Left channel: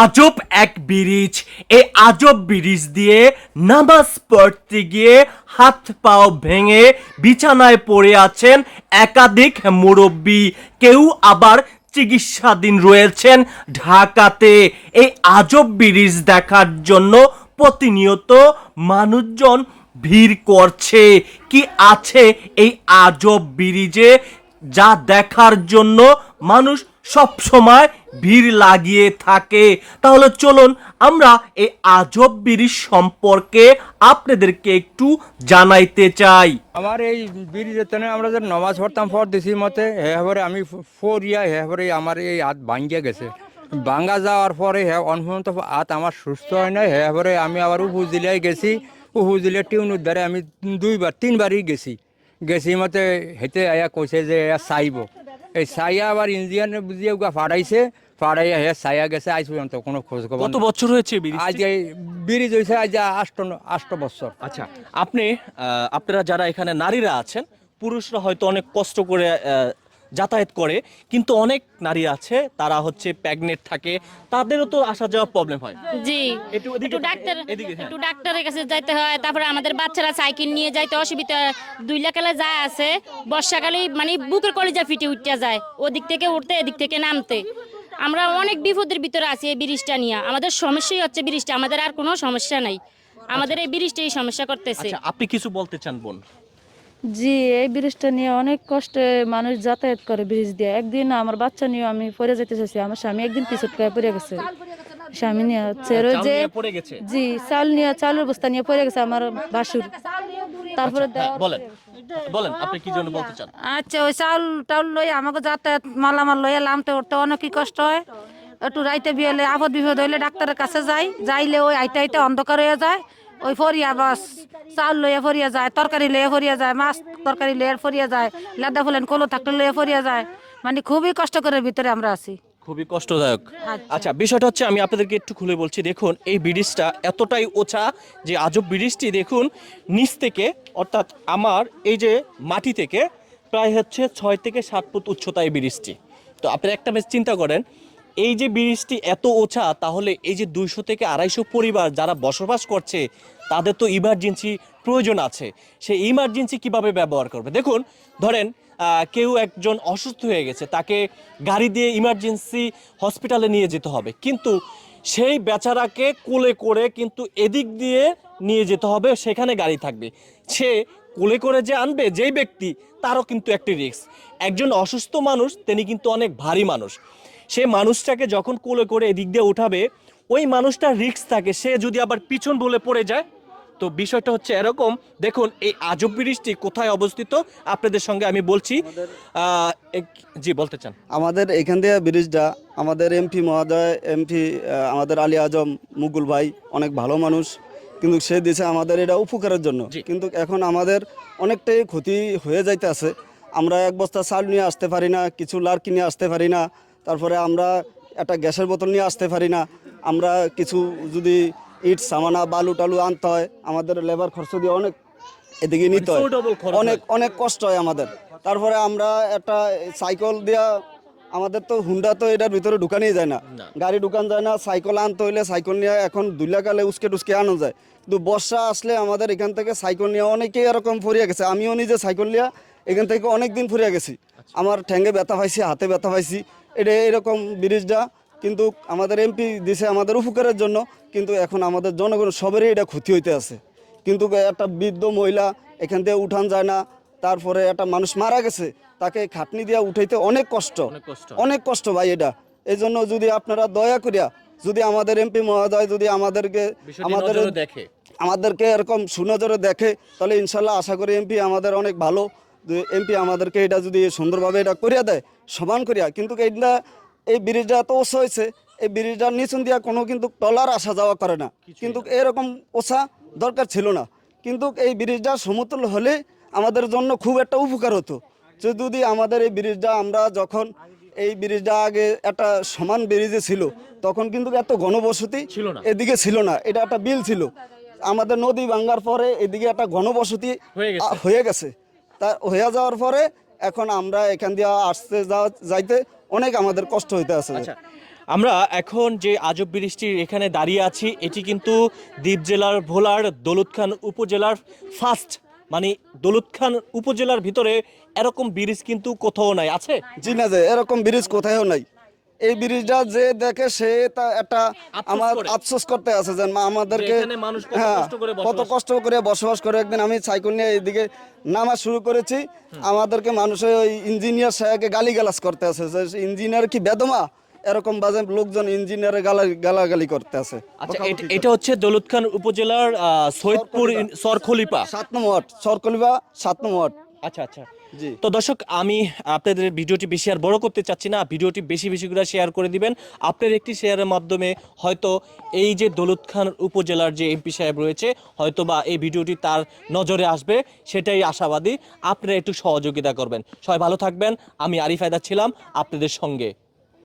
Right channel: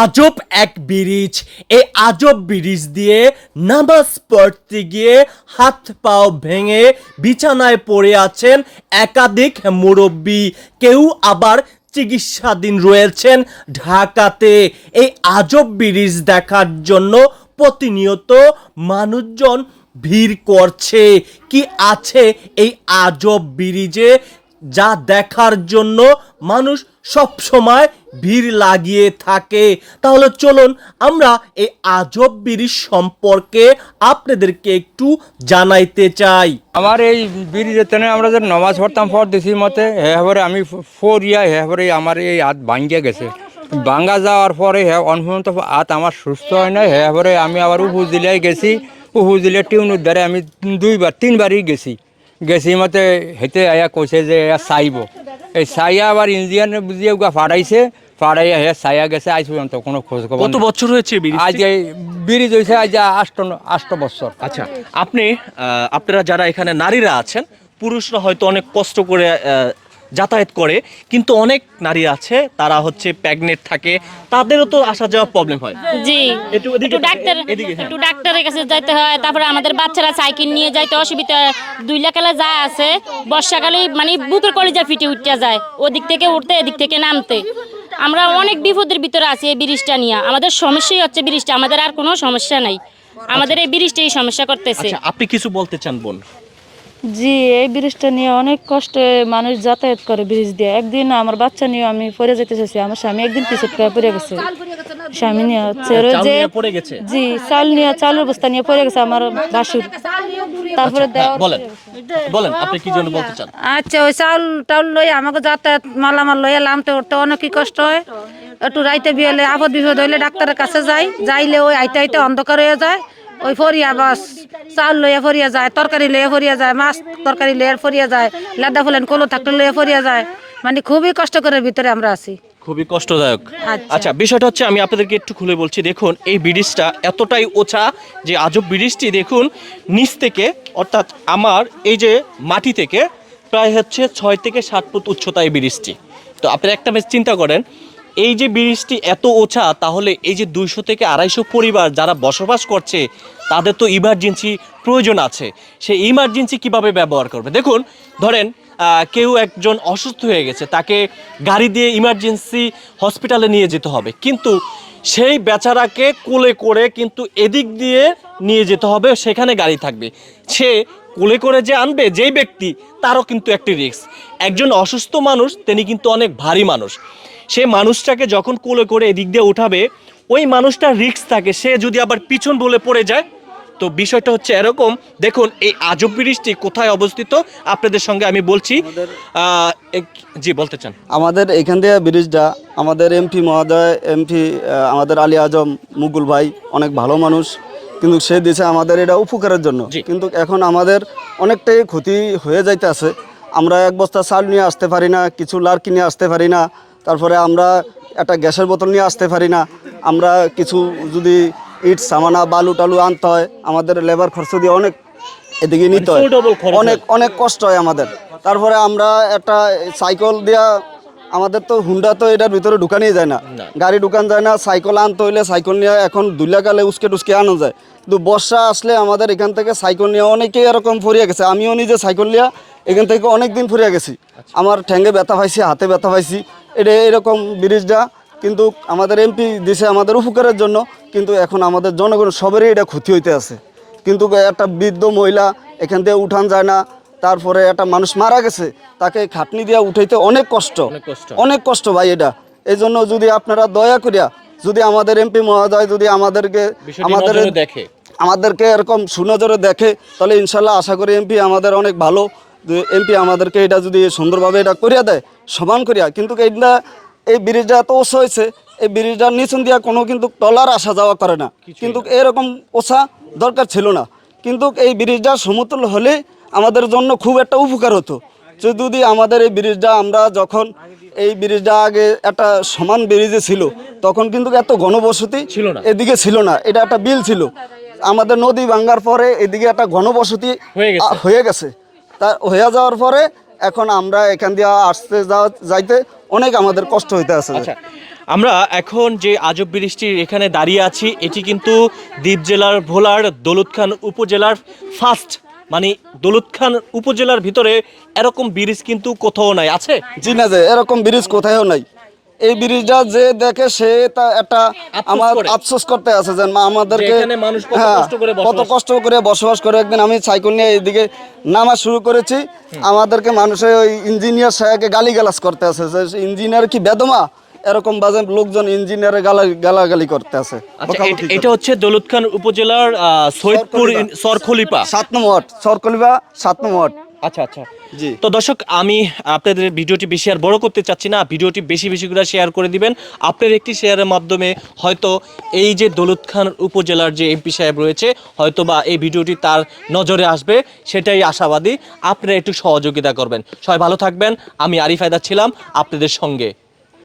আজব এক ব্রিজ। এই আজব ব্রিজ দিয়ে নামাজ পড়তে গিয়ে হাত পাও ভেঙে বিছানায় পড়ে আছেন একাধিক মুরব্বী। কেউ আবার চিকিৎসাধীন রয়েছেন ঢাকাতে। এই আজব ব্রিজ দেখার জন্য প্রতিনিয়ত মানুষজন ভিড় করছে। কি আছে এই আজব ব্রিজে? যা দেখার জন্য মানুষ সব সময় ভিড় লাগিয়ে থাকে। তাহলে চলুন আমরা এই আজব ব্রিজ সম্পর্কে আপনাদেরকে একটু জানাইতে চাই। আমার এই ব্রিজের তেনে আমরা যে নমাজ পড়তাম, পর দিছি মতে হ্যাঁ আমি ফোর ইয়া হ্যাঁ আমার এই হাত ভাঙ্গিয়ে গেছে। ভাঙ্গা যাওয়ার পরে হ্যাঁ হাত আমার সুস্থ হয় না হ্যাঁ আমি আবার উপজিলায় গেছি। উপজিলে টিউনুর দ্বারে আমি দুইবার, তিনবারই গেছি। গেছি মতে হেতে আয়া কইছে যে চাইব। এই সাইয়া আবার ইন্ডিয়ান বুঝিয়ে ওগা ফাড়াইছে ফাড়াইয়া হে চাইয়া গেছে আজ পর্যন্ত কোনো খোঁজ খবর কত বছর হয়েছে ব্রিজ আজ এই ব্রিজ হয়েছে আজ আষ্ট আষ্ট বছর। আচ্ছা আপনি আহ, আপনারা যারা এখানে নারীরা আছেন পুরুষরা হয়তো অনেক কষ্ট করে আহ, যাতায়াত করে কিন্তু অনেক নারী আছে তারা হচ্ছে প্রেগনেন্ট থাকে তাদেরও তো আসা যাওয়া প্রবলেম হয়। জি একটু ডাক্তার হ্যাঁ। একটু ডাক্তারের কাছে যাইতে হয় তারপরে আমাদের বাচ্চারা সাইকেল নিয়ে যাইতে অসুবিধা। দুই লাখালে যা আছে বর্ষাকালে মানে বুতুর কলেজা ফিটে উঠতে যায় ওদিক থেকে উঠতে এদিক থেকে নামতে। আমরা অনেক বিপদের ভিতরে আছি এই ব্রিজটা নিয়ে। আমাদের সমস্যাই হচ্ছে ব্রিজটা আমাদের আর কোনো সমস্যা নাই। আমাদের এই ব্রিজটাই সমস্যা করতেছে। আচ্ছা আপনি কিছু বলতে চান বোন? জি এই ব্রিজটা নিয়ে অনেক কষ্টে মানুষ যাতায়াত করে ব্রিজ দিয়ে। একদিন আমার বাচ্চা নিয়ে আমি পড়ে যেতে চাইছি আমার স্বামী একদিন পিছু পড়ে গেছে। স্বামী নিয়ে হচ্ছে চাল যে পড়ে গেছে। জি চাল নিয়ে চালুর বস্তা নিয়ে পড়ে গেছে আমার বাসুর। তারপরে হ্যাঁ, বলেন। বলেন আপনি কি জন্য বলতে চান? আচ্ছা ওই চাউল টাউল লই আমাকে যাতায়াত মালামাল লইয়া লামতে উঠতে অনেকই কষ্ট হয়। একটু রাইতে বিয়েলে আপদ বিপদ হইলে ডাক্তারের কাছে যাই যাইলে ওই আইতে আইতে অন্ধকার হয়ে যায়। ওই ফরিয়া বাস চাউল লইয়া ফরিয়া যায় তরকারি লইয়া ফরিয়া যায় মাছ তরকারি লইয়া ফরিয়া যায় লেদা ফুলেন কলু থাকতে লইয়া ফরিয়া যায়। মানে খুবই কষ্ট করে ভিতরে আমরা আছি। খুবই কষ্টদায়ক। আচ্ছা। আচ্ছা বিষয়টা হচ্ছে আমি আপনাদেরকে একটু খুলে বলছি দেখুন এই ব্রিজটা এতটাই ওছা যে আজব ব্রিজটি দেখুন নিচ থেকে অর্থাৎ আমার এই যে মাটি থেকে প্রায় হচ্ছে ছয় থেকে সাত ফুট উচ্চতা এই ব্রিজটি। তো আপনারা একটা বেশ চিন্তা করেন এই যে ব্রিজটি এত ওছা তাহলে এই যে দুইশো থেকে আড়াইশো পরিবার যারা বসবাস করছে তাদের তো ইমার্জেন্সি প্রয়োজন আছে। সেই ইমার্জেন্সি কীভাবে ব্যবহার করবে? দেখুন, ধরেন কেউ একজন অসুস্থ হয়ে গেছে, তাকে গাড়ি দিয়ে ইমার্জেন্সি হসপিটালে নিয়ে যেতে হবে। কিন্তু সেই বেচারাকে কোলে করে কিন্তু এদিক দিয়ে নিয়ে যেতে হবে, সেখানে গাড়ি থাকবে। সে কোলে করে যে আনবে, যেই ব্যক্তি, তারও কিন্তু একটি রিস্ক একজন অসুস্থ মানুষ, তিনি কিন্তু অনেক ভারী মানুষ। সে মানুষটাকে যখন কোলে করে এদিক দিয়ে উঠাবে, ওই মানুষটার রিস্ক থাকে। সে যদি আবার পিছন বলে পড়ে যায় তো বিষয়টা হচ্ছে এরকম। দেখুন এই আজব ব্রিজটি কোথায় অবস্থিত? আপনাদের সঙ্গে আমি বলছি জি বলতে চান। আমাদের এখান দিয়ে ব্রিজটা আমাদের এমপি মহোদয় এমপি আমাদের আলী আজম মুকুল ভাই অনেক ভালো মানুষ। কিন্তু সে দিয়েছে আমাদের এটা উপকারের জন্য। কিন্তু এখন আমাদের অনেকটাই ক্ষতি হয়ে যাইতে আছে আমরা এক বস্তা চাল নিয়ে আসতে পারি না কিছু লার নিয়ে আসতে পারি না। তারপরে আমরা একটা গ্যাসের বোতল নিয়ে আসতে পারি না। আমরা কিছু যদি ইট সামানা বালু টালু আনতে হয়। আমাদের লেবার খরচ দিয়ে অনেক এদিকে নিতে হয়। অনেক অনেক কষ্ট হয় আমাদের। তারপরে আমরা একটা সাইকেল দিয়া আমাদের তো হুন্ডা তো এটার ভিতরে ঢুকানোই যায় না। গাড়ি ঢুকান যায় না সাইকেল আনতে হইলে সাইকেল নিয়ে এখন দুইলাকালে উসকে টুসকে আনো যায়। কিন্তু বর্ষা আসলে আমাদের এখান থেকে সাইকেল নিয়ে অনেকেই এরকম ফুরিয়ে গেছে। আমিও নিজে সাইকেল নিয়ে এখান থেকে অনেক দিন ফুরিয়ে গেছি। আমার ঠ্যাঙ্গে ব্যথা পাইছি হাতে ব্যথা পাইছি। এটা এরকম ব্রিজটা কিন্তু আমাদের এমপি দিছে আমাদের উপকারের জন্য কিন্তু এখন আমাদের জনগণ সবারই এটা ক্ষতি হইতে আছে। কিন্তু একটা বৃদ্ধ মহিলা এখান থেকে উঠান যায় না তারপরে একটা মানুষ মারা গেছে তাকে খাটনি দিয়ে উঠাইতে অনেক কষ্ট। অনেক কষ্ট। ভাই এটা। এই জন্য যদি আপনারা দয়া করিয়া যদি আমাদের এমপি মহোদয় যদি আমাদেরকে আমাদের দেখে। আমাদেরকে এরকম সুনজরে দেখে তাহলে ইনশাল্লাহ আশা করি এমপি আমাদের অনেক ভালো। এমপি আমাদেরকে এটা যদি সুন্দরভাবে এটা করিয়া দেয় সমান করিয়া। কিন্তু এইটা এই ব্রিজটা এত ওসা হয়েছে এই ব্রিজটার নিচুন দিয়া কোনো কিন্তু টলার আসা যাওয়া করে না। কিন্তু এরকম ওষা দরকার ছিল না। কিন্তু এই ব্রিজটা সমতুল হলে আমাদের জন্য খুব একটা উপকার হতো। যদি আমাদের এই ব্রিজটা আমরা যখন এই ব্রিজটা আগে একটা সমান ব্রিজে ছিল তখন কিন্তু এত ঘনবসতি ছিল না। এদিকে ছিল না। এটা একটা বিল ছিল। আমাদের নদী ভাঙ্গার পরে এদিকে একটা ঘনবসতি হয়ে গেছে। হয়ে গেছে। তা হয়ে যাওয়ার পরে এখন আমরা এখান দিয়ে আসতে যাওয়া যাইতে অনেক আমাদের কষ্ট হইতে আছে। আচ্ছা আমরা এখন যে আজব বৃষ্টির এখানে দাঁড়িয়ে আছি এটি কিন্তু দ্বীপ জেলার ভোলার দৌলত খান উপজেলার ফার্স্ট মানে দৌলত খান উপজেলার ভিতরে এরকম ব্রিজ কিন্তু কোথাও নাই আছে? জি না যে এরকম ব্রিজ কোথাও নাই। এই ব্রিজটা যে দেখে সে তা একটা আমার আফসোস করতে আছে যে আমাদেরকে কত হ্যাঁ, কষ্ট করে বসবাস করে একদিন আমি সাইকেল নিয়ে এইদিকে নামা শুরু করেছি। আমাদেরকে মানুষে ওই ইঞ্জিনিয়ার সাহেবকে গালিগালাজ করতে আছে যে ইঞ্জিনিয়ার কি বেদমা? এরকম বাজে লোকজন ইঞ্জিনিয়ারে গালা গালাগালি করতে আছে। আচ্ছা এটা- হচ্ছে দৌলত খান উপজেলার সৈয়দপুর সরখলিপা। সাত নম্বর সরকলিবা সাত নম্বর। আচ্ছা আচ্ছা। জি। তো দর্শক আমি আপনাদের ভিডিওটি বেশি আর বড় করতে চাচ্ছি না। ভিডিওটি বেশি বেশি করে শেয়ার করে দিবেন। আপনার একটি শেয়ারের মাধ্যমে হয়তো এই যে দৌলত খান উপজেলার যে এমপি সাহেব রয়েছে হয়তো বা এই ভিডিওটি তার নজরে আসবে। সেটাই আশাবাদী। আপনারা একটু সহযোগিতা করবেন। সবাই ভালো থাকবেন। আমি আরিফ আয়দা ছিলাম আপনাদের সঙ্গে।